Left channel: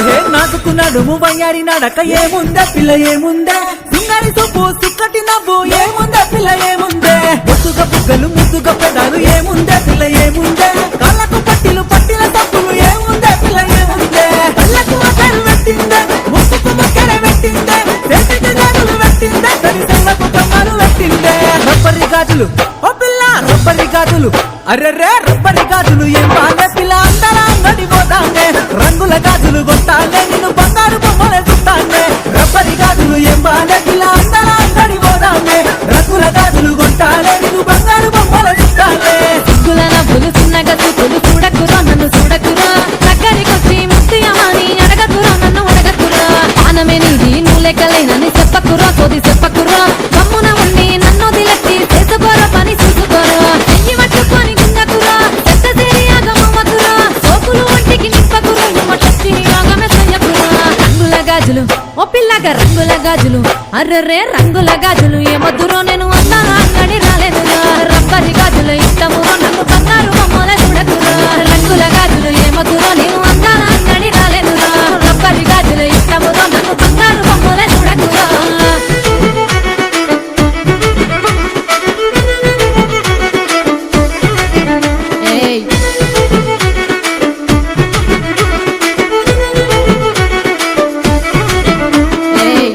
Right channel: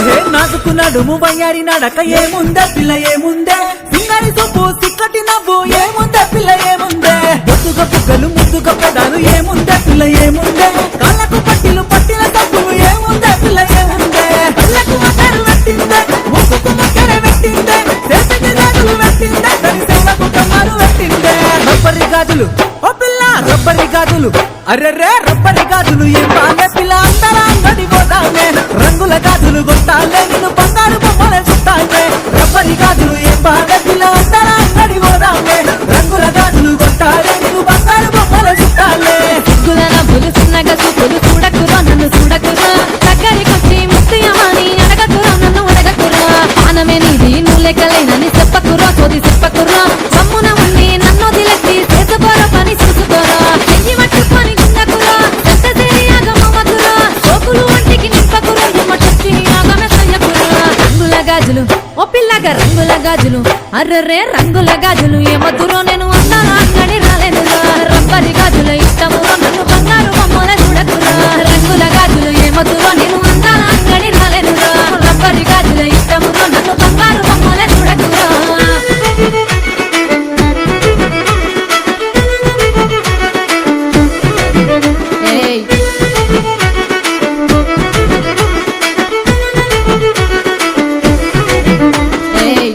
నాదుకున్నాడు వయ్యారి నడక ఏముందే పిల్ల ఏముందే సింగారి సొప్పు సిక్కటి నవ్వు ఏముందే పిల్ల ఏముందే బొద్దుగ బుగ్గలు ముద్దుగ పెదాలు ఏముందే పిల్ల ఏముందే కాళ్ళకు పట్టిలు పట్టిన సబ్బులు ఏముందే పిల్ల ఏముందే కళ్ళకు అసలు పెట్టిందే ముక్కుకు మొక్కర పెట్టిందే చేతికి జాగులు పెట్టిందే తని సెవులకు కమ్మలు పెట్టిందే రబ్బరి గాజులు ఓ పిల్ల రబ్బరి గాజులు అర్రెర్రే రబ్బరి గాజులు ఏం బాలే పిల్ల అందరా అంగడి పోతానే రంగుల గాజులు కొట్టాలే నిన్ను బంగారు బొమ్మలే చుట్టానే రబ్బరి గాజులు ఏం బాలే పిల్ల అందరా అంగడి పోతానే రంగుల గాజులు కొట్టాలే నిన్ను బంగారు బొమ్మలే చుట్టాలే సిగ్గుల నవ్వులు చిన్నగా చూపులు చూడకురా నన్ను చూడకురా దగ్గరికొచ్చి ముత్తియమని అడగకురా నన్ను అడగకురా పానమే నీది నువ్వు లెక్కలేనని చెప్పకురా సోది చెప్పకురా గమ్మున ఉండి నన్ను దిలెత్తి చేసుకోరా పని చూసుకోరా చెయ్యి పట్టుకొని గుండకురా ఎంత సేరి ఆగమవకురా సోకులు ఒంటికి నింపకురా ఎమ్మటొచ్చి ఆగమే సయ్యకురా రంగుల గాజులు ఓ పిల్లగా రంగుల గాజులు అర్రెర్రే రంగుల గాజులు ఏమద్దురో నేను అందాల అంగడి రాలేనురా రబ్బరి గాజుల ఇష్టమురో నన్ను బంగారు బొమ్మల చూడకురా రంగుల గాజులు ఏమద్దురో నేను అందాల అంగడి రాలేనురా రబ్బరి గాజుల ఇష్టమురో నన్ను బంగారు బొమ్మల చూడకురా ఏయ్ ఏయ్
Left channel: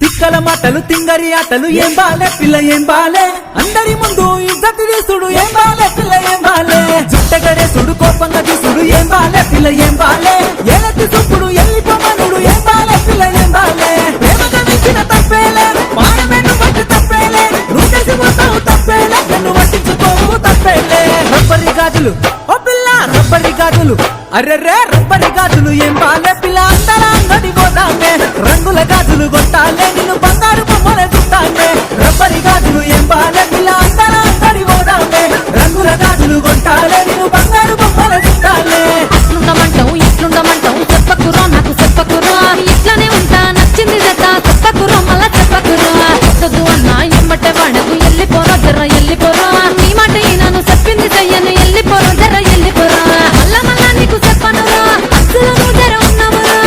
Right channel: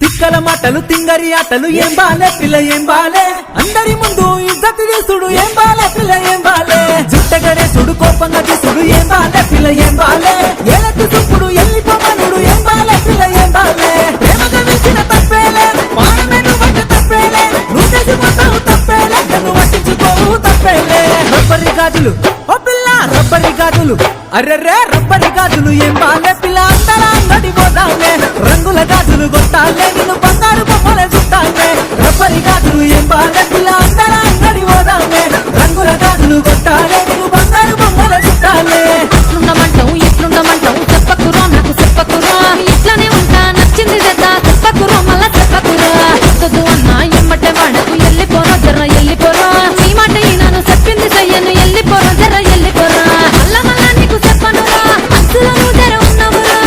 తిక్కల మాటలు తింగరి ఆటలు ఏం బాలే పిల్ల ఏం బాలే అందరి ముందు ఇజ్జత్ తీసుడు ఏం బాలే పిల్ల ఏం బాలే జుట్టగడే సుడు కోపంగా తీసుడు ఏం బాలే పిల్ల ఏం బాలే ఏలెత్తి చూపుడు ఎల్లిపోమనుడు ఏం బాలే పిల్ల ఏం బాలే ప్రేమగా విసిన తప్పేలే పాడమేను వంట తప్పేలే నువ్వు చేసి మొత్తం తప్పేలే నన్ను పట్టించుకోవు తప్పేలే రబ్బరి గాజులు ఓ పిల్ల రబ్బరి గాజులు అర్రెర్రే రబ్బరి గాజులు ఏం బాలే పిల్ల అందరా అంగడి పోతానే రంగుల గాజులు కొట్టాలే నిన్ను బంగారు బొమ్మలే చుట్టానే రబ్బరి గాజులు ఏం బాలే పిల్ల అందరా అంగడి పోతానే రంగుల గాజులు కొట్టాలే నిన్ను బంగారు బొమ్మలే చుట్టాలే అట్లుండమంటావు ఇట్లుండమంటావు చెప్పకురా నాకు చెప్పకురా ఇట్లానే ఉంటా నచ్చింది జత చెప్పకురా మళ్ళా చెప్పకురా వద్దు అన్నా ఎమ్మటే వాడకు ఎల్లిపోరా జర్ర ఎల్లిపోరా నీ మాట ఈనాను చెప్పింది చెయ్యను ఎల్లిపోరా జర్ర ఎల్లిపోరా మళ్ళా మళ్ళా నీకు చెప్పనురా అస్సులో నువ్వు జర ఉన్నావురా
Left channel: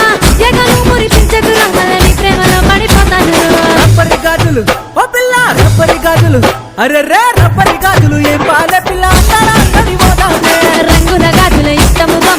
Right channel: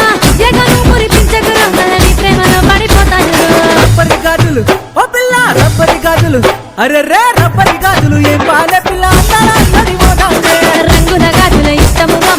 ఎగను మురిపించకురా మళ్ళా నీ ప్రేమలో పడిపోతానురా రబ్బరి గాజులు ఓ పిల్ల రబ్బరి గాజులు అర్రెర్రే రబ్బరి గాజులు ఏం బాలే పిల్ల అందరా అంగడి పోతానే రంగుల గాజుల ఇష్టమురా